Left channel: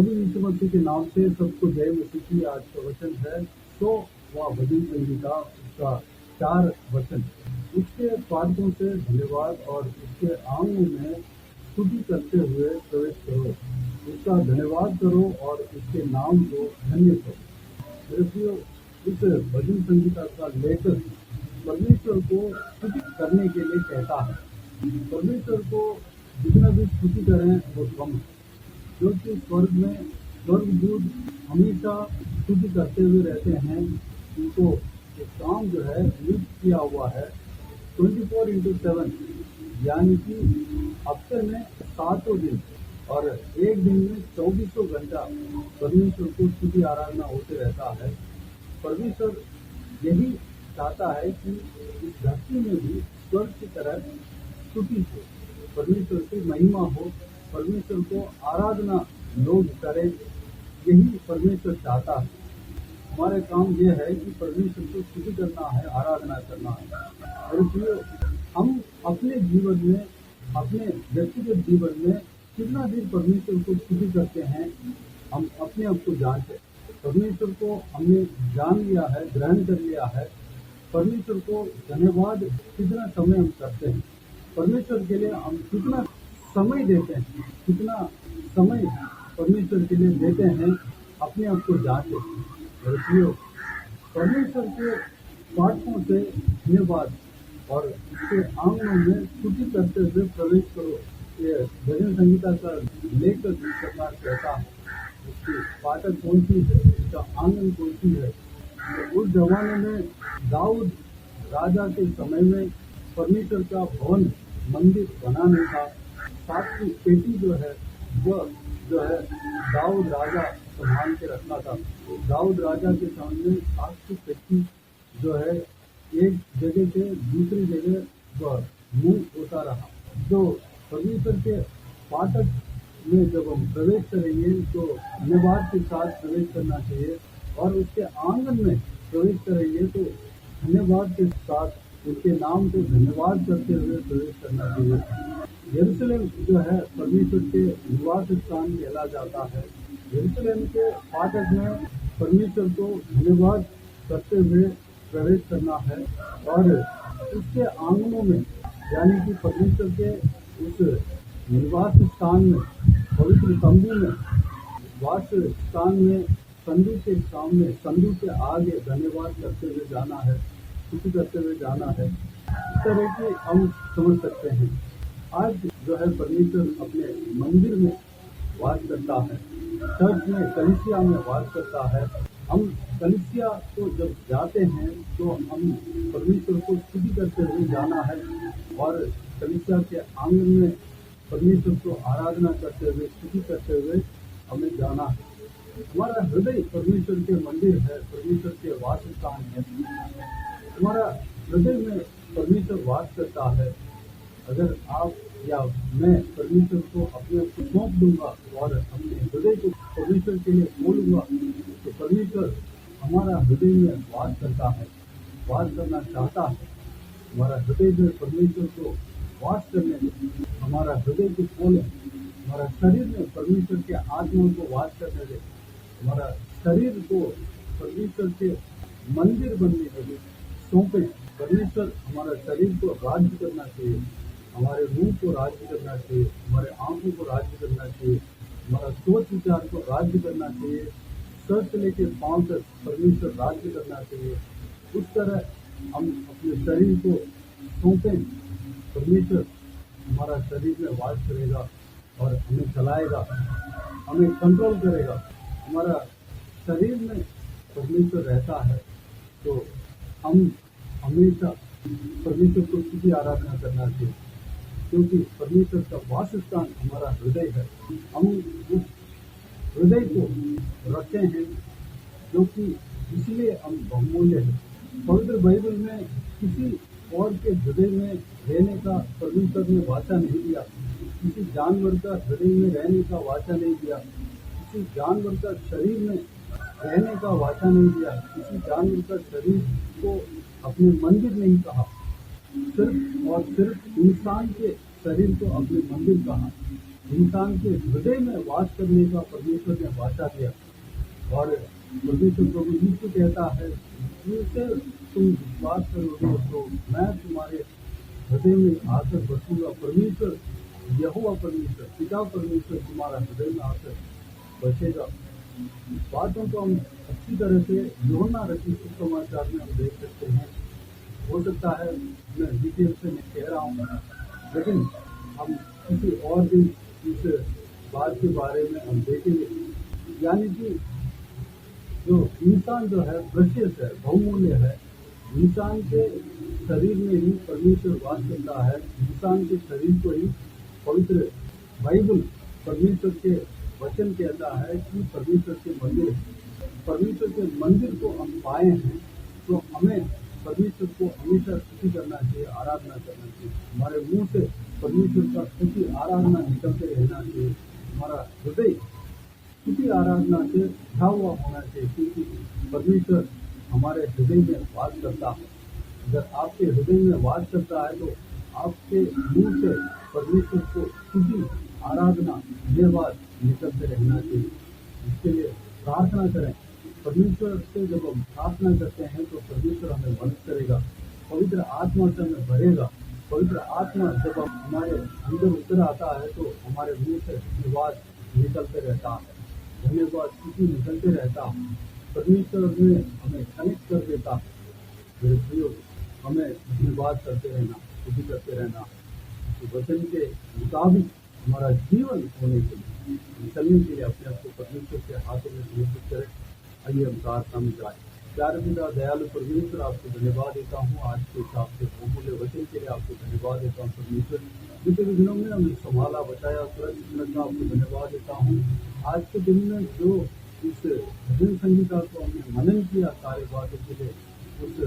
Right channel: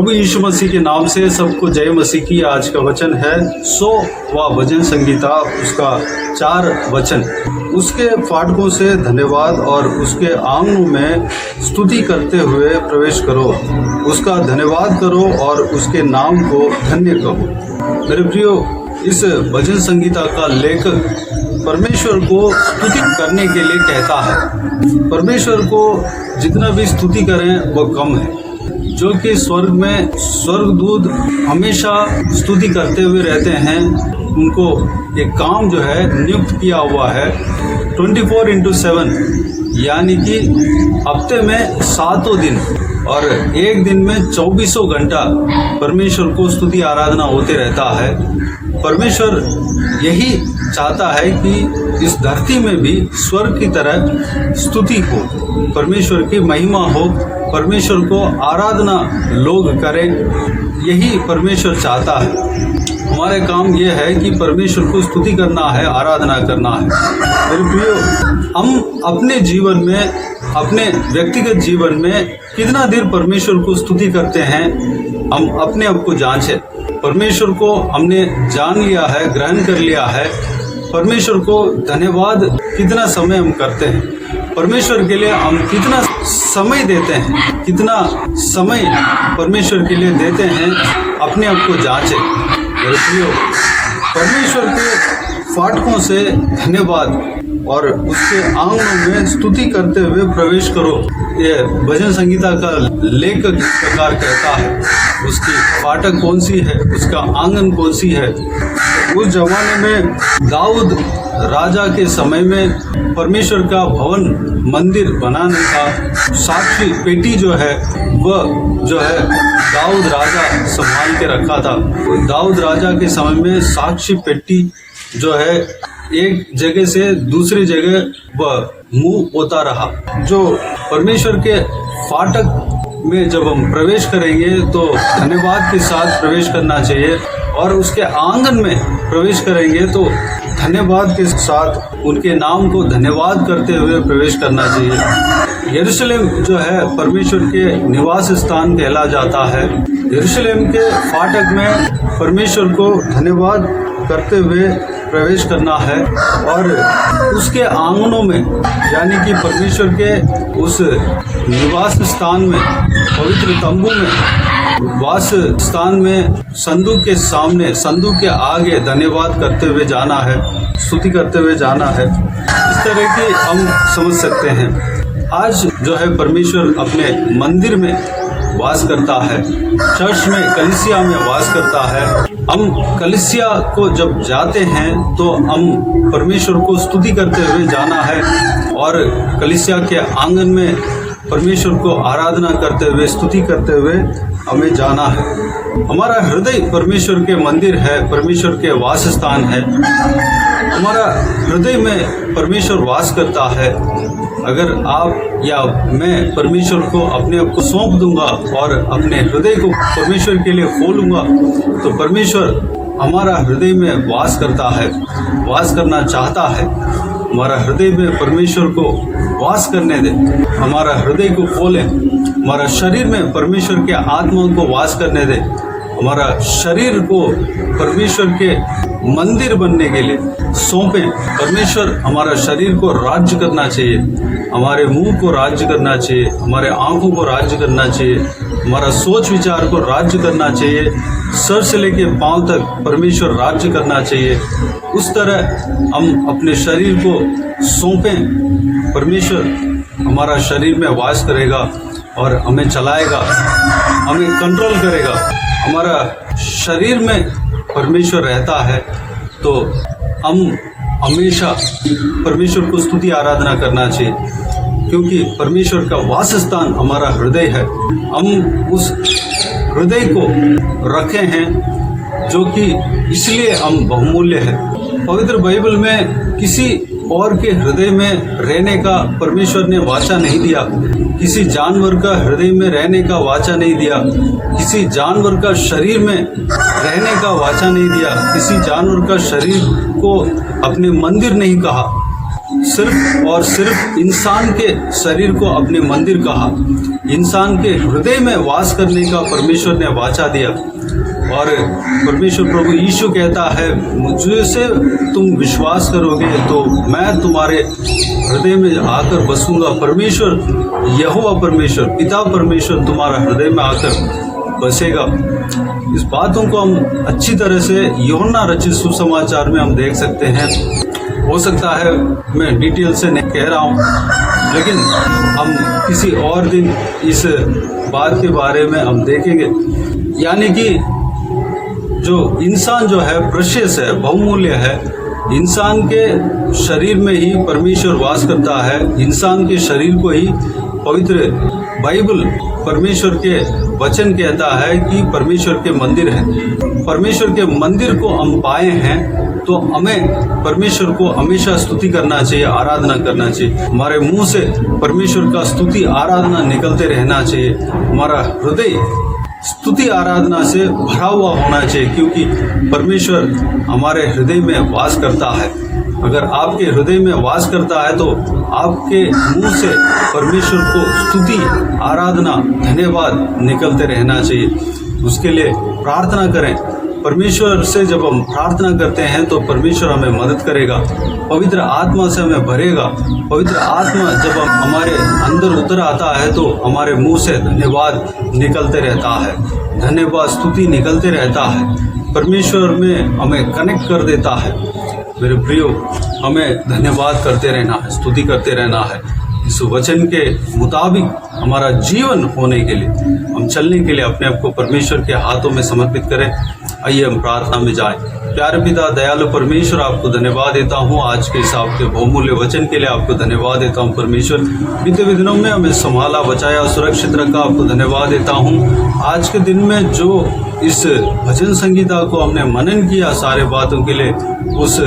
प्रभु यीशु मसीह के नाम से सबको जय मसीह की। आज का वचन है 100वां भजन संगीता, उसका 4 वचन। उसके फाटकों से धन्यवाद और उसके आंगनों में स्तुति करते हुए प्रवेश करो। उसका धन्यवाद करो और उसके नाम को धन्य कहो। मेरे प्रियो, इस भजन संगीता का लेखक परमेश्वर को स्तुति करने के लिए कहता है। परमेश्वर को जितना भी स्तुति करें वह कम है, जो कि स्वर्ग में स्वर्गदूत हमेशा स्तुति करते हुए रहते हैं। उनको एक काम जो है नियुक्त किया हुआ है 24/7, यानी कि हफ्ते में 7 दिन और एक दिन में 24 घंटा परमेश्वर को स्तुति आराधना होते रहता है। परमेश्वर यही चाहता है कि इस धरती में भी स्वर्ग की तरह स्तुति हो, परमेश्वर की महिमा हो, परमेश्वर को आराधना लोग करें। यही परमेश्वर चाहता है। हमारे काम यह है कि परमेश्वर को स्तुति करना है, आराधना करना है। मेरे प्रियो, हम अपने जीवन में, अपने व्यक्तिगत जीवन में कितना देर परमेश्वर को स्तुति करते हैं, हम अपने आप को जांचें। परमेश्वर को हमने जान लिया है, ग्रहण कर लिया है। परमेश्वर को धन्यवाद कितना समय हम करते हैं, परमेश्वर के लिए हम कितना समय देते हैं, कितना समय परमेश्वर के लिए देते हैं, अपने आप को जांचें। मेरे प्रियो, परमेश्वर के फाटकों से धन्यवाद और उसके आंगनों में स्तुति करते हुए प्रवेश करो। ये भजन संगीता का लेखक इस प्रकार कहता है। उसकी फाटक कौन सी है, उसका आंगन कौन सी है। उस जमाने में दाऊद राजा के समय में परमेश्वर का भवन मंदिर बनाने का साक्षी पेटी जो है वह जो है दाऊद राजा संभाल के रखा था। दाऊद राजा के समय में साक्षी पेटी जो है एक जगह से दूसरी जगह वह मुंह होता रहा। जो परमेश्वर के फाटक में जब हम प्रवेश करेंगे तो धन्यवाद के साथ प्रवेश करना चाहिए, और उसके आंगन में प्रवेश करेंगे तो धन्यवाद के साथ उनके नाम को धन्यवाद करते हुए प्रवेश करना चाहिए। यरूशलेम जो है परमेश्वर के निवास स्थान कहला जाता है। यरूशलेम के फाटक में परमेश्वर को धन्यवाद करते हुए प्रवेश करना है, और उसके आंगनों में, यानी कि परमेश्वर के उस निवास स्थान में, पवित्र तंबू में, वास स्थान में, संदूक के सामने, संदूक के आगे धन्यवाद करते हुए जाना है, स्तुति करते हुए जाना है। इस तरह की हम समझ सकते हैं। आज जो है परमेश्वर अपने मंदिर में वास करता है, चर्च में, कलीसिया में वास करता है। हम कलीसिया को जब जाते हैं तो हम परमेश्वर को स्तुति करते हुए जाना है, और कलीसिया के आंगन में परमेश्वर को आराधना करते हुए, स्तुति करते हुए हमें जाना है। हमारा हृदय परमेश्वर के मंदिर है, परमेश्वर के वास स्थान है। हमारा हृदय में परमेश्वर वास करता है। अगर आप या मैं परमेश्वर को अपने आप को सौंप दूंगा और अपने हृदय को परमेश्वर के लिए खोलूंगा, तो परमेश्वर हमारा हृदय में वास करता है, वास करना चाहता है। हमारा हृदय में परमेश्वर को वास करने दे, हमारा हृदय को खोलें। हमारा शरीर में परमेश्वर के आत्मा को वास करने दे। हमारा शरीर को परमेश्वर के मंदिर बनने के लिए सौंपें। परमेश्वर हमारा शरीर को राज्य करना चाहिए, हमारे मुंह को राज्य करना चाहिए, हमारे आंखों को राज्य करना चाहिए, हमारा सोच विचार को राज्य करना चाहिए। सर से लेके पांव तक परमेश्वर राज्य करना चाहिए। उस तरह हम अपने शरीर को सौंपें। परमेश्वर हमारा शरीर में वास करेगा और हमें चलाएगा, हमें कंट्रोल करेगा। हमारा शरीर में परमेश्वर रहता है तो हम हमेशा परमेश्वर को स्तुति आराधना करना चाहिए, क्योंकि परमेश्वर का वास स्थान हमारा हृदय है। हम उस हृदय को रखे हैं जो कि इसलिए हम बहुमूल्य है। पवित्र बाइबल में किसी और के हृदय में रहने का परमेश्वर ने वाचा नहीं दिया, किसी जानवर का हृदय में रहने का वाचा नहीं दिया, किसी जानवर का शरीर में रहने का वाचा नहीं दिया, किसी जानवर का शरीर को अपने मंदिर नहीं कहा। सिर्फ और सिर्फ इंसान के शरीर को अपने मंदिर कहा, इंसान के हृदय में वास करने का परमेश्वर ने वाचा दिया। और परमेश्वर प्रभु यीशु कहता है, मुझसे तुम विश्वास करोगे तो मैं तुम्हारे हृदय में आकर बसूंगा। परमेश्वर यहोवा परमेश्वर पिता परमेश्वर तुम्हारा हृदय में आकर बसेगा। इस बातों को हम अच्छी तरह से यूहन्ना रचित सुसमाचार में हम देख सकते हैं। हो सकता है मैं डिटेल से नहीं कह रहा हूँ, लेकिन हम किसी और दिन इस बात के बारे में हम देखेंगे। यानी कि जो इंसान जो है प्रेशियस है, बहुमूल्य है, इंसान के शरीर में ही परमेश्वर वास करता है। इंसान के शरीर को ही पवित्र बाइबल परमेश्वर के वचन कहता है कि परमेश्वर के मंदिर है। परमेश्वर के मंदिर को हम पाए हैं तो हमें परमेश्वर को हमेशा स्तुति करना चाहिए, आराधना करना चाहिए। हमारे मुंह से परमेश्वर का स्तुति आराधना निकलते रहना चाहिए। हमारा हृदय स्तुति आराधना से भरा हुआ होना चाहिए, क्योंकि परमेश्वर हमारे हृदय में वास करता है। अगर आपके हृदय में वास करता है तो आपके मुंह से परमेश्वर को स्तुति आराधना धन्यवाद निकलते रहना चाहिए। उसके लिए प्रार्थना करें। परमेश्वर से जब हम प्रार्थना करते हैं तो परमेश्वर हमें मदद करेगा, पवित्र आत्मा से हमें भरेगा। पवित्र आत्मा जब हमारे अंदर उतर आता है तो हमारे मुंह से धन्यवाद निकलते रहता है, धन्यवाद स्तुति निकलते रहता है। परमेश्वर में हमें कनेक्ट कर देता है। मेरे प्रियो, हमें धन्यवाद करते रहना है, स्तुति करते रहना है। इस वचन के मुताबिक हमारा जीवन होने के लिए, हम चलने के लिए अपने आप को परमेश्वर के हाथों में समर्पित करें। आइए हम प्रार्थना में जाएं। प्यारे पिता दयालु परमेश्वर, आपको धन्यवाद देता हूँ आज के इस आपके बहुमूल्य वचन के लिए। आपको धन्यवाद देता हूँ परमेश्वर, बीते हुए दिनों में हमें संभाला, बचाया, सुरक्षित रखा। आपको धन्यवाद देता हूँ आज के दिन में जो इस भजन संगीता को हमने मनन किया सारे बातों के लिए, उस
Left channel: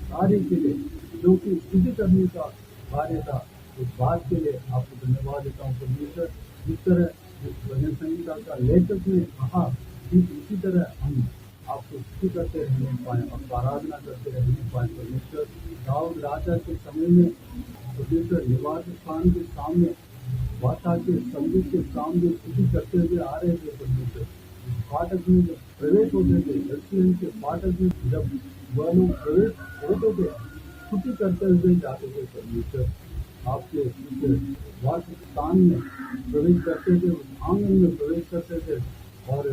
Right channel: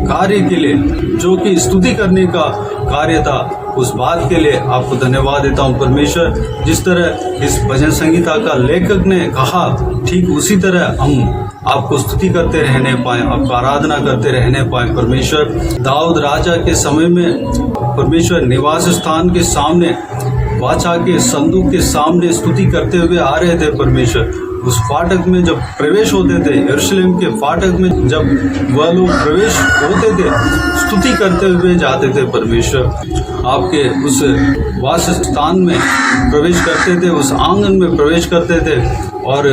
कार्य के लिए जो कि स्तुति करने का कार्य था, उस बात के लिए आपको धन्यवाद देता हूँ परमेश्वर। जिस तरह इस भजन संगीता का लेखक ने कहा, ठीक उसी तरह हम आपको स्तुति करते रहने पाए, आपका आराधना करते रहने पाए परमेश्वर। दाऊद राजा के समय में परमेश्वर निवास स्थान के सामने, वाचा के संदूक के सामने स्तुति करते हुए आ रहे थे परमेश्वर। उस फाटक में जब प्रवेश होते थे, यरूशलेम के फाटक में जब वह लोग प्रवेश होते थे, स्तुति करते हुए जाते थे परमेश्वर। आपके उस वास स्थान में प्रवेश करते थे, उस आंगन में प्रवेश करते थे और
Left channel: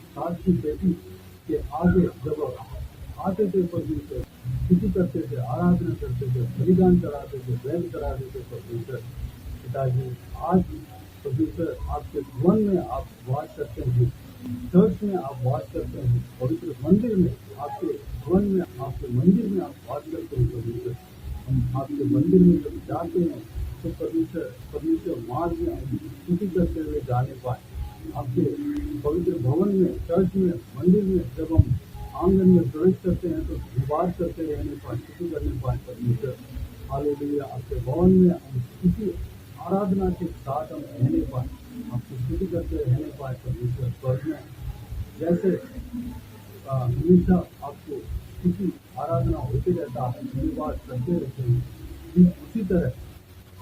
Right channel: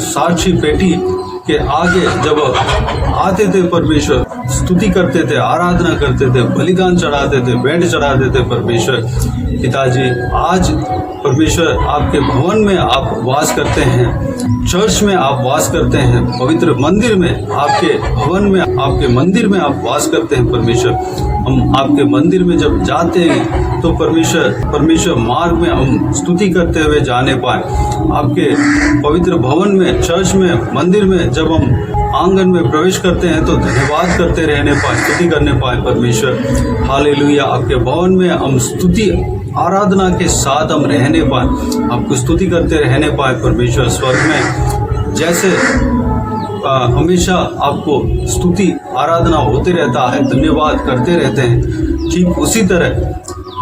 साक्षी पेटी के आगे जब आते थे परमेश्वर, स्तुति करते थे, आराधना करते थे, बलिदान चढ़ाते थे, भेंट चढ़ाते थे परमेश्वर। पिताजी, आज परमेश्वर आपके भवन में आप वास करते हैं, चर्च में आप वास करते हैं, पवित्र मंदिर में, आपके भवन में, आपके मंदिर में आप वास करते हैं परमेश्वर। हम आपके मंदिर में जब जाते हैं तो परमेश्वर मार्ग में हम स्तुति करते हुए जाने पाए। आपके पवित्र भवन में, चर्च में, मंदिर में जब हम आंगन में प्रवेश करते हैं तो धन्यवाद करते रहने पाए, स्तुति करने पाए परमेश्वर। हालेलुया। आपके भवन में हम स्तुति आराधना के साथ हम रहने पाए, आपको स्तुति करते रहने पाए परमेश्वर। स्वर्ग में जैसे हमेशा आपको स्तुति आराधना होते रहता है, धन्यवाद करते रहते हैं, ठीक उसी तरह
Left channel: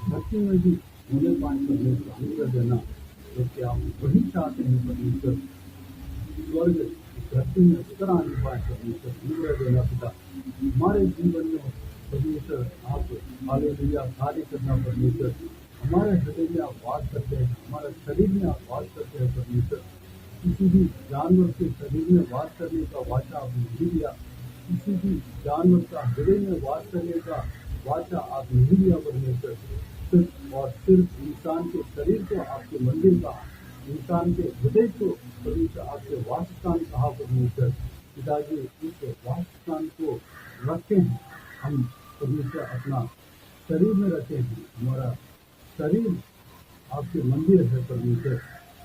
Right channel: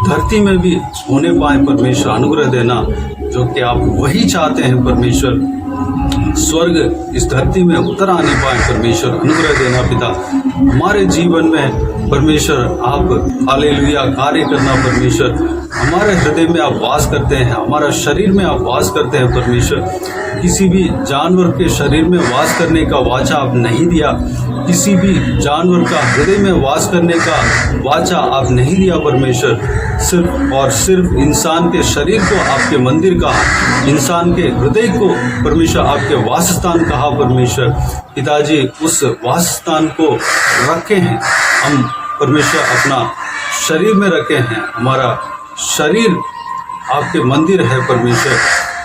धरती में भी होने पाए परमेश्वर। अनुग्रह देना जो कि आप वही चाहते हैं परमेश्वर। स्वर्ग इस धरती में उतर आने पाए परमेश्वर। अनुग्रह देना पिता हमारे जीवन में परमेश्वर। आप हालेलुया कार्य करना परमेश्वर। हमारे हृदय में आप वास करते हैं, हमारा शरीर में आप वास करते हैं परमेश्वर। किसी भी जानवर के शरीर में वास करने का वाचा आप नहीं दिया, किसी भी जानवर का हृदय में वास करने का वाचा आप नहीं दिया परमेश्वर। सिर्फ और सिर्फ इंसान के शरीर को आपके मंदिर कहा, इंसान के हृदय को परमेश्वर आपके वासस्थान कहा परमेश्वर। पिताजी, उस वासस्थान को रखे हैं हम परमेश्वर, अपना शरीर में रखे हैं। हमारा शरीर आपके मंदिर है परमेश्वर।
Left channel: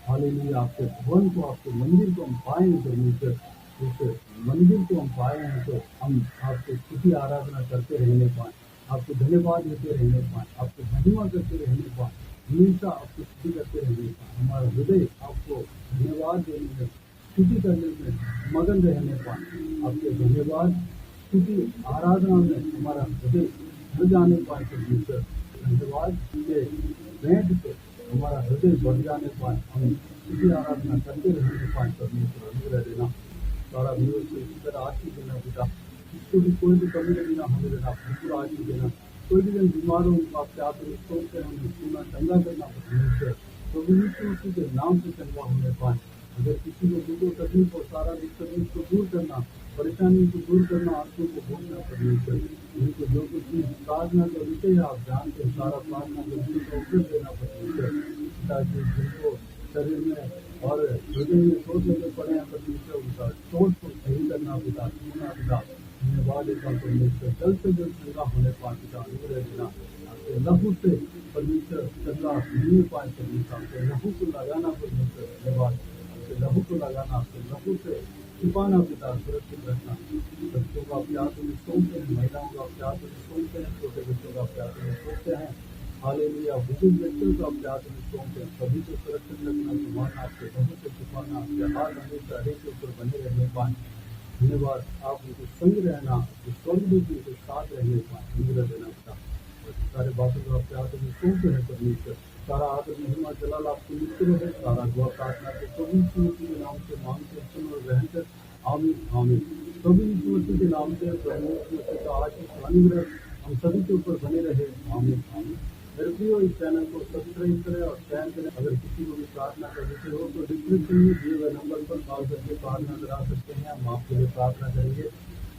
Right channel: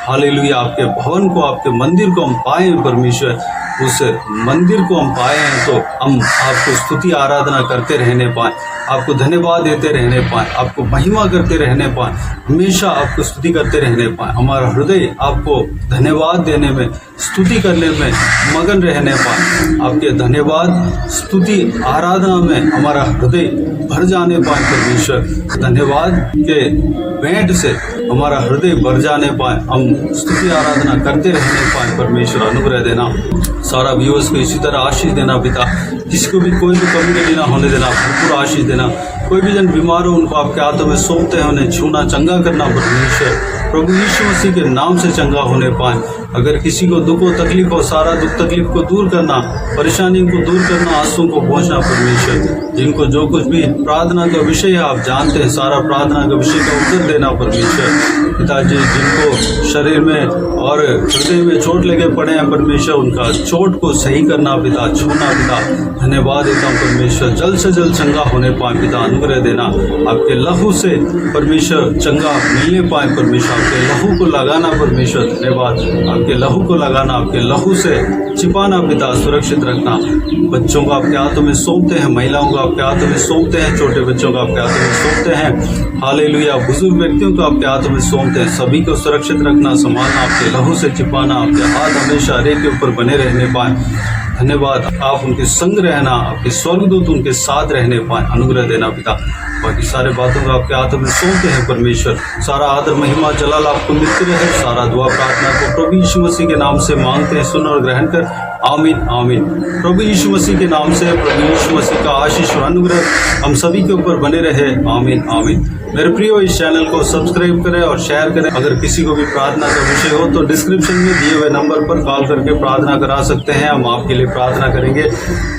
हालेलुया। आपके भवन को, आपके मंदिर को हम पाए परमेश्वर। उस मंदिर को हम पाए हैं तो हम आपको स्तुति आराधना करते रहने पाए, आपको धन्यवाद देते रहने पाए, आपको महिमा करते रहने पाए, हमेशा आपको स्तुति करते रहने पाए। हमारा हृदय आपको धन्यवाद देने में, स्तुति करने में मगन रहने पाए। आपके धन्यवाद, स्तुति, आराधना में हमारा हृदय भर जाने पाए परमेश्वर। धन्यवाद के भेंट से हमारा हृदय भर जाने पाए, हम स्तुति आराधना करते रहने पाए परमेश्वर। अनुग्रह देना, सारा व्यूअर्स को इसी तरह आशीष देना पिता, किसी को भी कोई भी कमी नहीं ना होने देना, भरपूर आशीष देना। कोई भी जन बीमार हो उनको आपके हाथों में सौंपते हैं, उन्हें छूना, चंगा करना परमेश्वर। प्रभु यीशु मसीह के नाम से चंगा होने पाए। अगर किसी को दुख हो, तकलीफ हो, सारा दुख तकलीफ को दूर करना, परेशानी को दूर करना, आंसुओं को पहुंचना परमेश्वर। जिनको जो कुछ भी प्रार्थना का विषय है आप जानते हैं, सारा प्रार्थना का विषय का उत्तर देना परमेश्वर। पिताजी, जिनको शरीर में और हृदय में चोट लगे पड़े हैं परमेश्वर, उनका चोट को सही करना पिता, छूना पिता। धन्यवाद देता हूँ परमेश्वर, जल्द से जल्द चंगा होने पाए पिता। अनुग्रह देना, आपके लहू से परमेश्वर चंगा मिलने पाए परमेश्वर। आपके लहू को लगाना परमेश्वर, धन्यवाद। आपके लहू को लगाना, आपके लहू से छिपाना पिता, सुरक्षित रखना। बच्चों को आपके हाथों में सौंपते हैं, महिलाओं को आपके हाथों में सौंपते हैं, छोटे बच्चों को आपके हाथों में सौंपते हैं। हालेलुया। बुजुर्ग व्यक्तियों को आपके हाथों में सौंपते हैं। सभी को सुरक्षित रखना, संभालना, आपके लहू से छिपाना। आपके हाथ हमेशा रेख के ऊपर बने रहने पाए। धन्यवाद। आप उनके संग रहना, आपके स्वर्गदूत उनके साथ रहने पाए। अनुग्रह देना पिता। बाकी सारे बातों को आपके हाथों में सौंपते हैं परमेश्वर। सारा आदर, महिमा, जलाल आपको मिलते रहे। सारा दुआ प्रार्थना को प्रभु यीशु मसीह के नाम से मांगते हैं, सुन और ग्रहण कर। आमीन आमीन। प्रभु यीशु मसीह के नाम से प्रभु यीशु मसीह का आशीष और अनुग्रह हम सभी के ऊपर बने रहे। आमीन आमीन। मेरे प्रियो, इस चैनल को सब्सक्राइब करें और शेयर करें। अगर किसी को भी प्रार्थना का विषय हो तो डिस्क्रिप्शन में दिए हुए नंबर पर कॉल करके प्रार्थना करा सकते हैं। हम आपके लिए प्रार्थना करेंगे।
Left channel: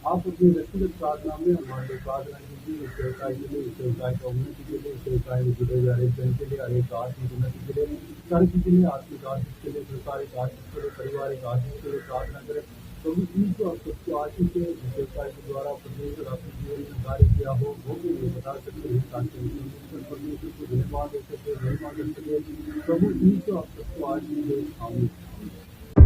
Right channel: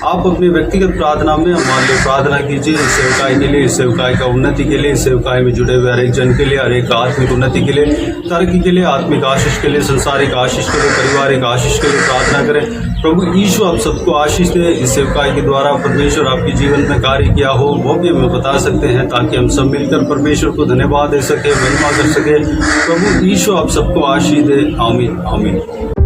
आप अपनी व्यक्तिगत प्रार्थना में हमारे लिए प्रार्थना कीजिए, इस सेवकाई के लिए, इस सेवकाई का उन्नति के लिए, इस सेवकाई में जुड़े हुए हर एक जन के लिए, हर एक आत्मिक उन्नति के लिए, तरक्की के लिए, आत्मिक आशीष के लिए, संसारिक आशीष के लिए, पारिवारिक आशीष के लिए प्रार्थना करें। प्रभु यीशु आप सबको आशीष दे। इस सेवकाई के द्वारा परमेश्वर आपके जीवन में कार्य किया हो वो भी हमें बता सकते हैं, ताकि हम सब मिलकर परमेश्वर को धन्यवाद दे सके, महिमा कर सके। प्रभु यीशु आप सबको आशीष दे। आमीन आमीन।